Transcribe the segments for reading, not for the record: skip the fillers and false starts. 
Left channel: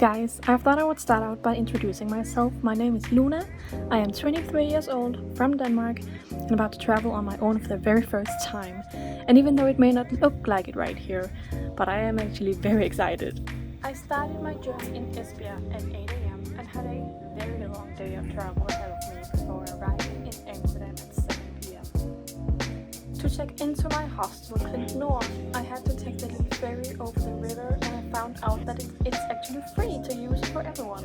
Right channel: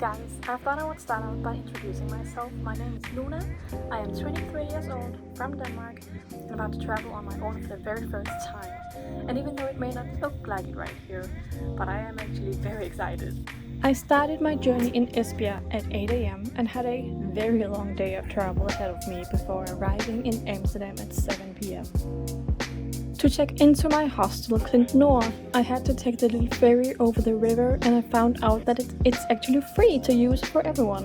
guys, I thought I would start out by introducing myself. My name is Luna, I am 23 years old, from Denmark, and about to travel on my own for the very first time. And even though it may not look like it right here, but I am actually very excited. I started my journey in Esbjerg at 8 AM and had a very long day of travel ahead of me before arriving in Amsterdam at 7 PM. To check into my hostel, Klint Nord, I had to take the little ferry over the river, and I found out that it's actually free to use for everyone.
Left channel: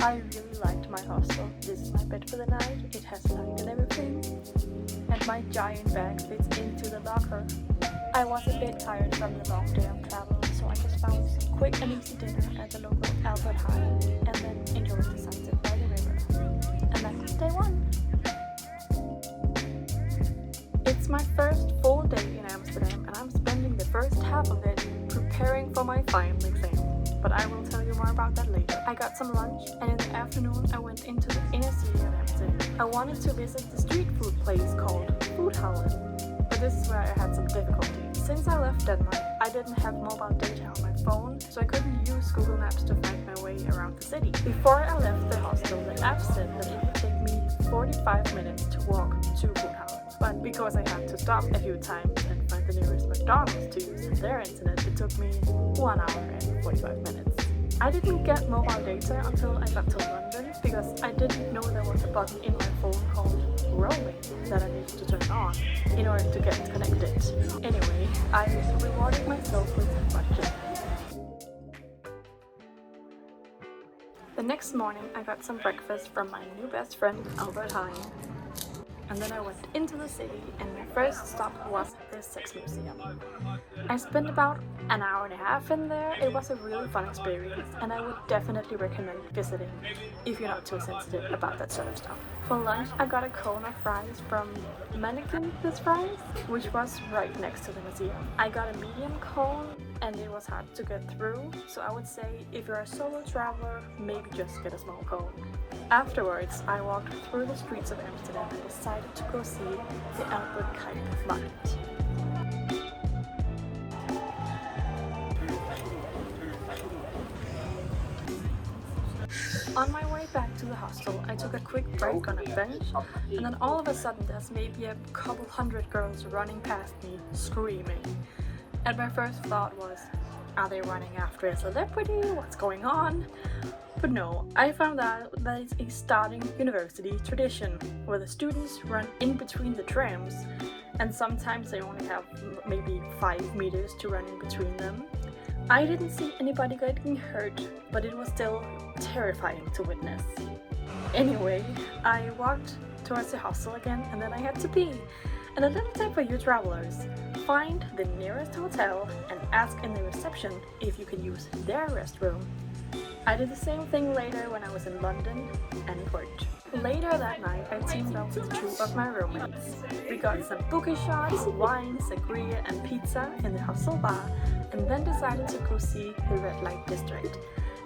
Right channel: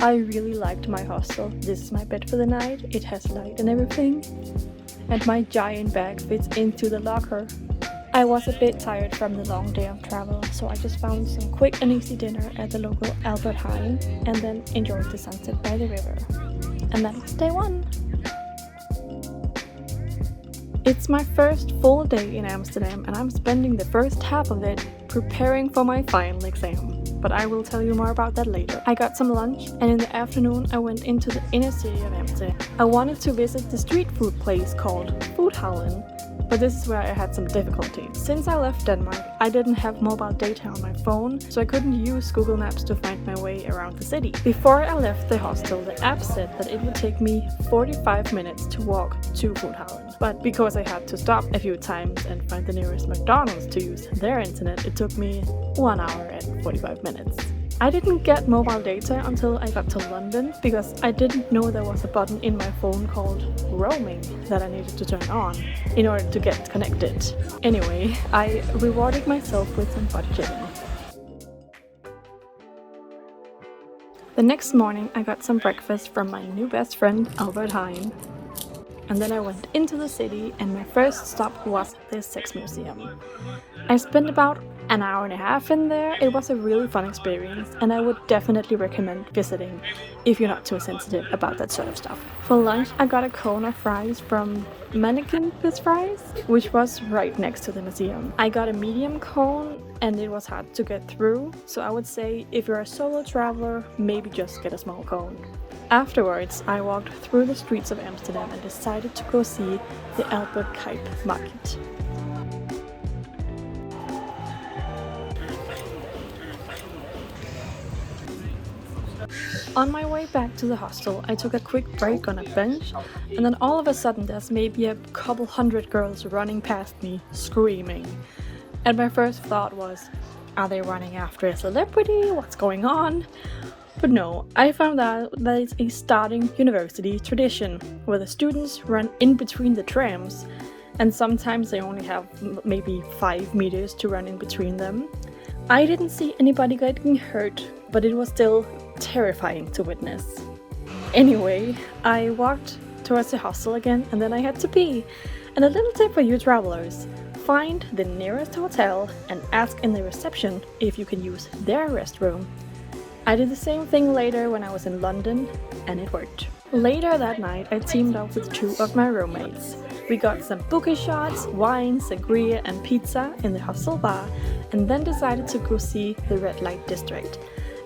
I really liked my hostel. This is my bed for the night, it has light and everything, and my giant bag fits into the locker. I was a bit tired from the long day of travel, so I just found some quick and easy dinner at the local Albert Heijn and then enjoyed the sunset by the river. And that was day one. It's my first full day in Amsterdam, and I'm spending the first half of it preparing for my final exam. But I will tell you more about that later. I got some lunch, and in the afternoon I went into the inner city of Amsterdam. I wanted to visit the street food place called Vortex, but this is where I had some difficulty. Since I left Denmark, I didn't have mobile data on my phone, so I couldn't use Google Maps to find my way around the city. Before I left the hostel, the app said that it would take me 45 minutes to walk to Guustavv. But because I had to stop a few times and find the nearest McDonald's to use their internet, it took me 1 hour and 45 minutes. I didn't get mobile data until I got to London because I didn't know there was a button in my phone called roaming that I needed to turn on in order to get connected. Anyway, I rewarded myself with some budgeting. The next morning I got some breakfast from my new best friend Albert Heijn. And then I went into the city, and my first stop was the Sex Museum. I spent about an hour and a half in there. It was a really fun experience, and I would definitely recommend visiting if you're not too sensitive about that sort of stuff. For lunch, I got a cone of fries from Mannequin Fries, which was right next to the museum. I got a medium cone, and it was hard to get through, so I would say if you're a solo traveler, maybe just get a small cone. Afterwards, I walked through the streets of Amsterdam and decided to go see the Albert Heijn market. On my way back to the hostel, I took a quick break on a bench, and then all of a sudden there's maybe a couple hundred girls running past me, screaming. And my first thought was, are they running after a celebrity? What's going on? But no, I found out that it's a starting university tradition, where the students run in between the trams, and sometimes they only have maybe 5 meters to run in between them. I didn't see anybody getting hurt, but it was still terrifying to witness. Anyway, I walked towards the hostel again, and then I had to pee. And a little tip for you travelers, find the nearest hotel and ask in the reception if you can use their restroom. I did the same thing later when I was in London, and it worked. Later that night, I teamed up with 2 of my roommates. We got some bookie shots, wine, sangria and pizza in the hostel bar, and then decided to go see the red light district.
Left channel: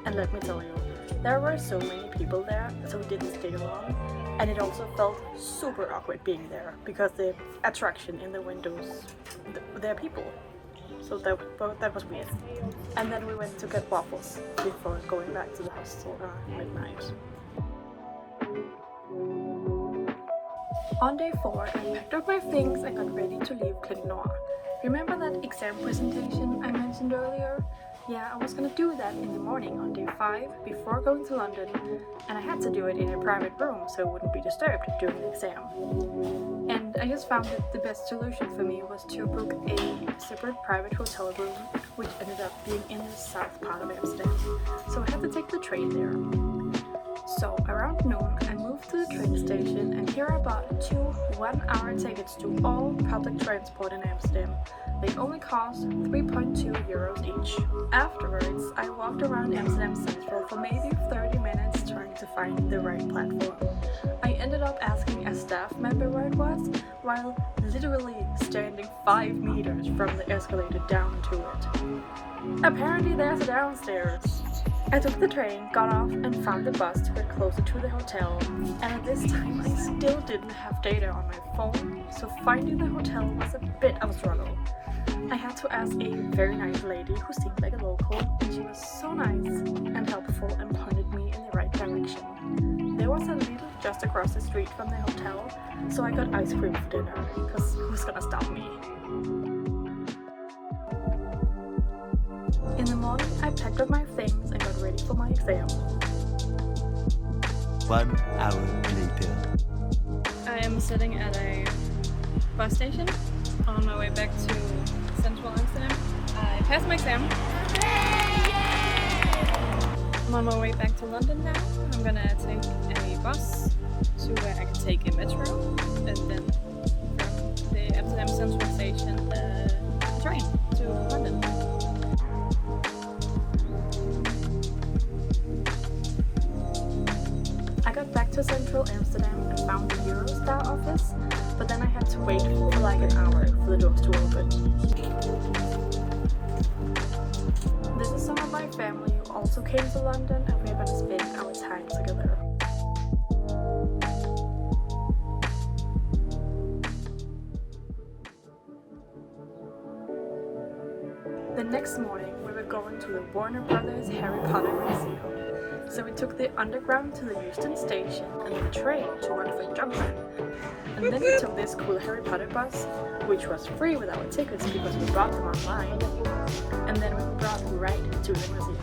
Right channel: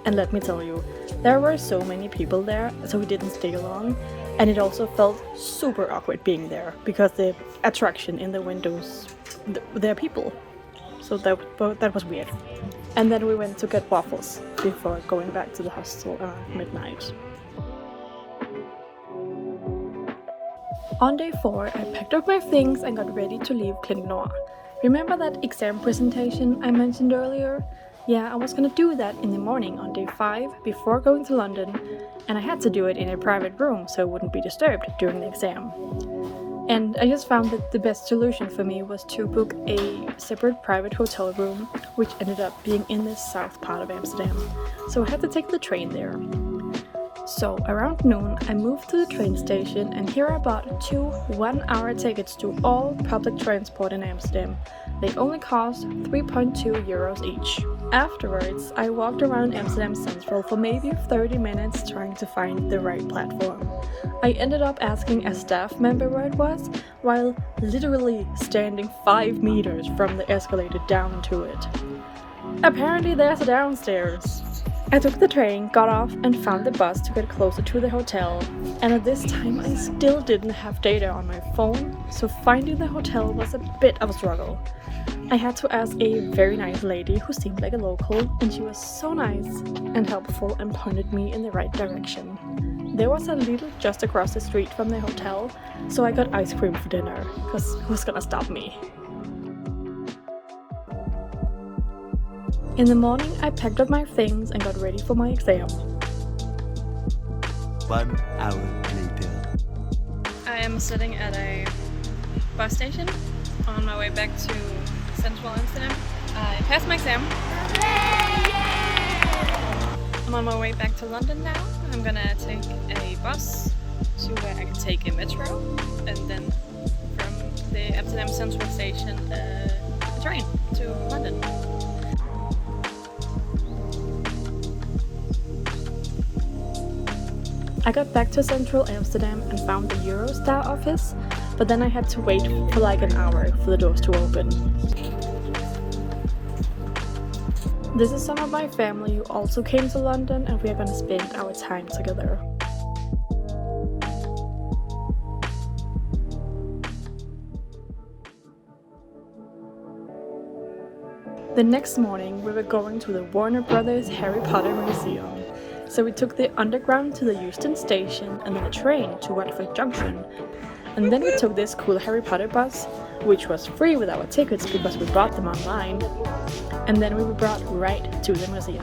And let me tell you, there were so many people there, so we didn't stay long, and it also felt super awkward being there, because the attraction in the windows, there are people. So that was weird. And then we went to get waffles before going back to the hostel around midnight. On day 4, I packed up my things and got ready to leave Klint Nord. Remember that exam presentation I mentioned earlier? Yeah, I was gonna do that in the morning on day 5 before going to London, and I had to do it in a private room so I wouldn't be disturbed during the exam. And I just found that the best solution for me was to book a separate private hotel room, which ended up being in the south part of Amsterdam. So I had to take the train there. So around noon, I moved to the train station, and here I bought 2 one-hour tickets to all public transport in Amsterdam. They only cost 3.2 euros each. Afterwards, I walked around Amsterdam Central for maybe 30 minutes trying to find the right platform. I ended up asking a staff member where it was, while literally standing 5 meters from the escalator down to it. Apparently there's downstairs. I took the train, got off, and found the bus to get closer to the hotel. And at this time, I still didn't have data on my phone, so finding the hotel was a bit of a struggle. I had to ask a very nice lady who seemed like a local, and she was so nice and helpful and pointed me in the right direction. There was a Lidl just across the street from the hotel, so I got ice cream for dinner, because who's gonna stop me? In the morning, I packed up my things and got ready for my exam. 1 hour later. I am sitting at a bus station on my way back to central Amsterdam. I passed my exam. I'm on my way back to London now. I'm gonna take a bus to where I can take a metro, and then from the Amsterdam Central Station, a train to London. I got back to central Amsterdam and found the Eurostar office, but then I had to wait for like an hour for the doors to open. This is some of my family who also came to London, and we are gonna spend our time together. The next morning we were going to the Warner Brothers Harry Potter Museum. So we took the underground to the Euston station and then the train to Watford Junction. And then we took this cool Harry Potter bus, which was free with our tickets because we bought them online. And then we were brought right to the museum.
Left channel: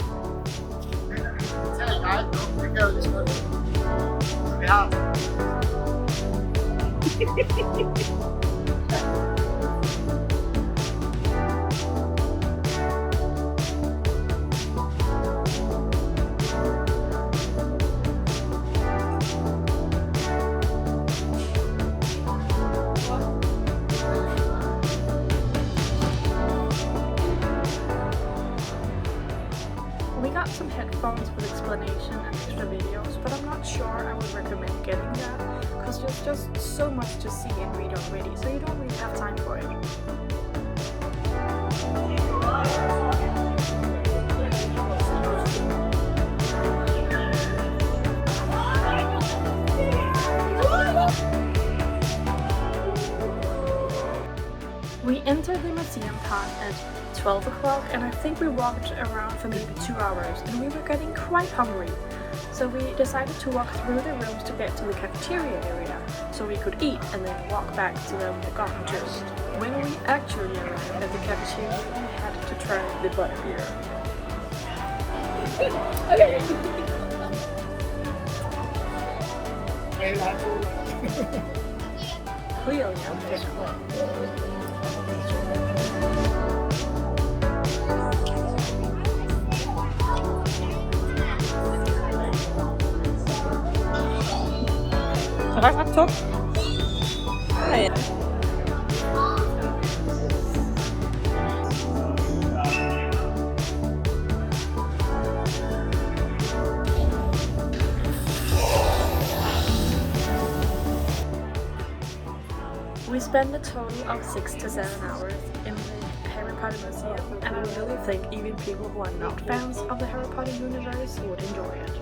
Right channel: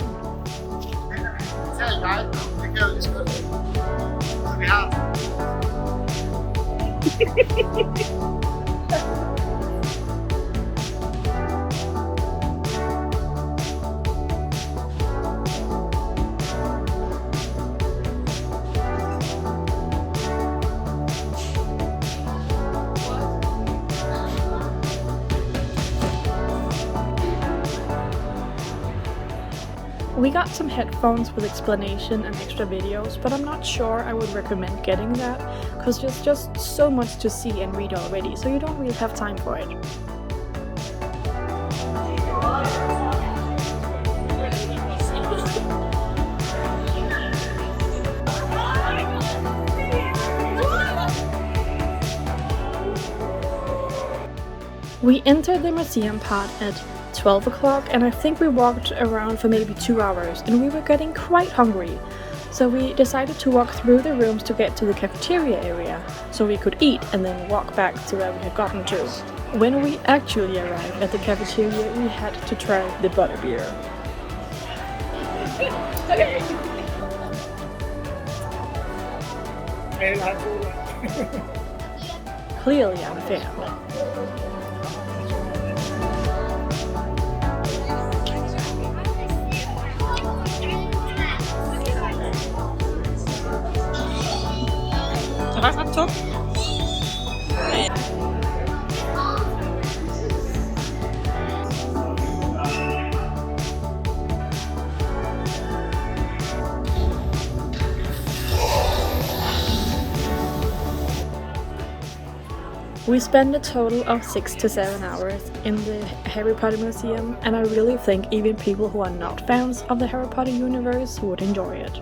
We got some headphones with explanation and extra videos, but I'm not sure I would recommend getting that, because there's just so much to see and read already, so you don't really have time for it. We entered the museum part at 12 o'clock, and I think we walked around for maybe 2 hours, and we were getting quite hungry. So we decided to walk through the rooms to get to the cafeteria area, so we could eat and then walk back to where we had gotten to. When we actually arrived at the cafeteria, we had to try the butterbeer. Clearly unfair. Top. We spent a total of 6 to 7 hours in the Harry Potter Museum, and I really think even people who are not fans of the Harry Potter universe would enjoy it.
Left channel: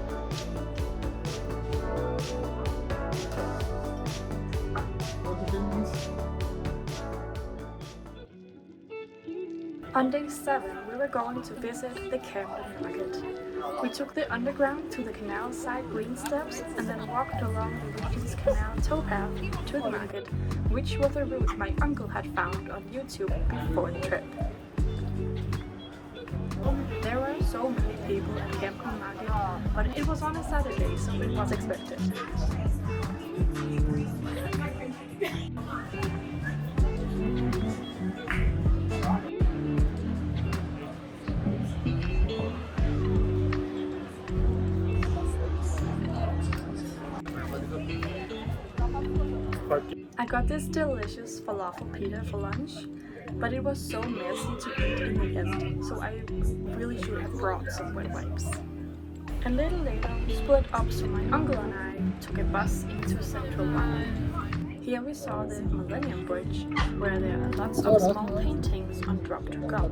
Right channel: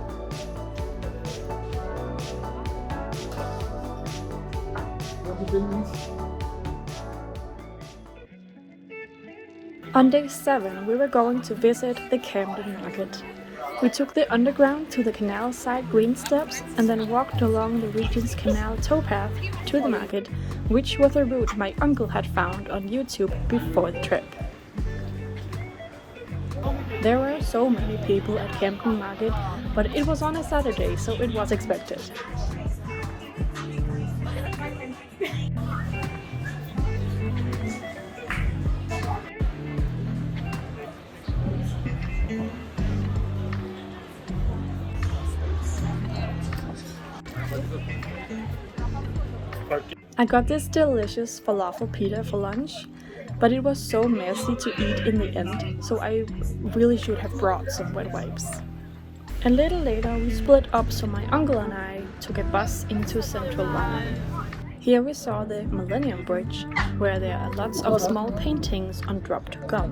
On day 7, we were going to visit the Camden Market. We took the underground to the canal side green steps and then walked along the Regent's Canal towpath to the market, which was a route my uncle had found on YouTube before the trip. There were so many people at Camden Market, but it was on a Saturday, so it was expected. I got this delicious falafel pita for lunch, but it was so messy to eat in the end, so I really should have brought some wet wipes. A little later we split up, so my uncle and I took a bus into central London. Here we saw the Millennium Bridge, where there are lots of small paintings on dropped gum.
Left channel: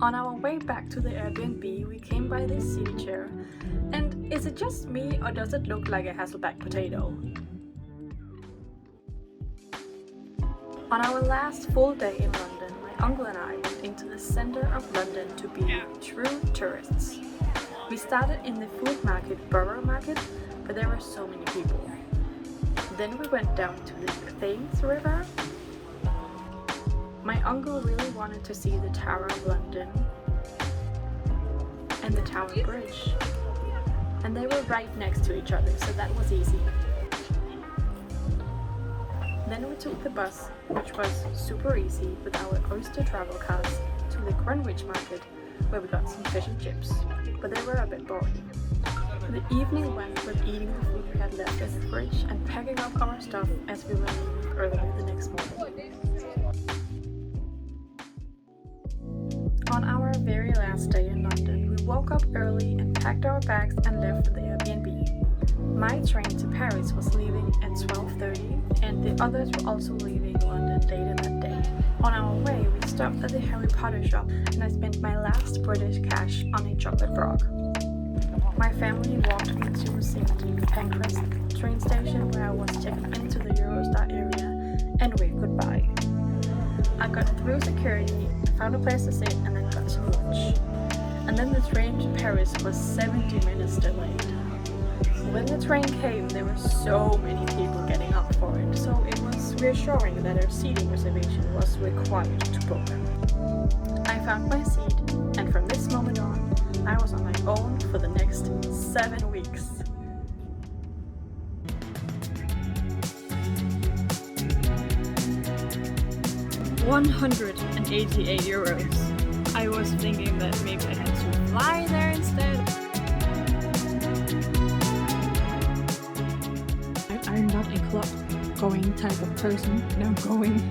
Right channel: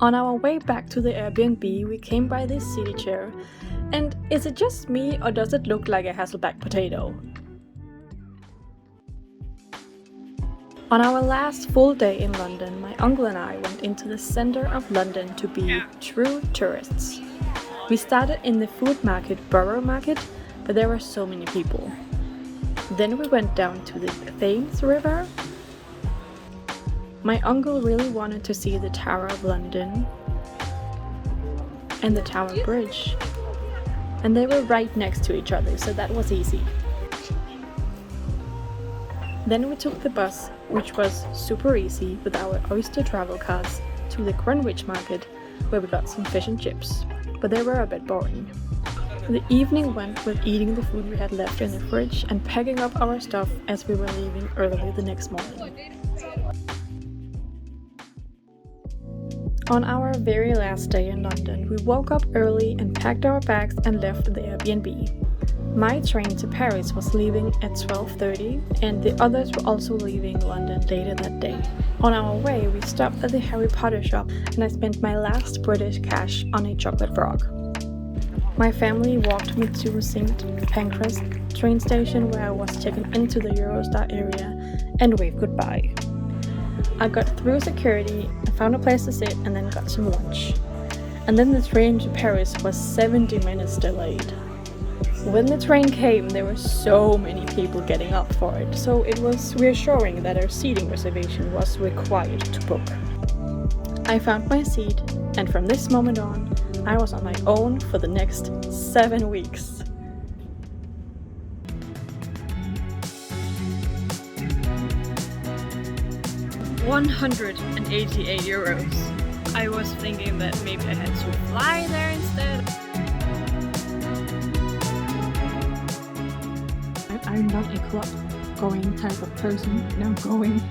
On our way back to the Airbnb, we came by this city chair. And is it just me, or does it look like a Hasselback potato? On our last full day in London, my uncle and I went into the center of London to be true tourists. We started in the food market, Borough Market, but there were so many people. Then we went down to the Thames River. My uncle really wanted to see the Tower of London and the Tower Bridge. And they were right next to each other, so that was easy. Then we took the bus, which was super easy, with our Oyster travel cars to the Greenwich Market, where we got some fish and chips, but they were a bit boring. The evening went with eating the food we had left in the fridge and packing up our stuff as we were leaving early the next morning. On our very last day in London, we woke up early and packed our bags and left the Airbnb. My train to Paris was leaving at 12:30 and the others were also leaving London later that day. On our way, we stopped at the Harry Potter shop and I spent my last British cash on a chocolate frog. My family walked me to St. Pancras train station where I was checking into the Eurostar area and waved goodbye. I got through security, found a place to sit and then got some lunch. And then the train to Paris was 70 minutes delayed. When the train came, there were so many people getting up for it, so it was reassuring that our seating reservation was required to book. I found my seat, and from this moment on, I was on my own for the next 7 weeks. €188. I was thinking that maybe I had to fly there instead. I'm not a club going type of person, and I'm going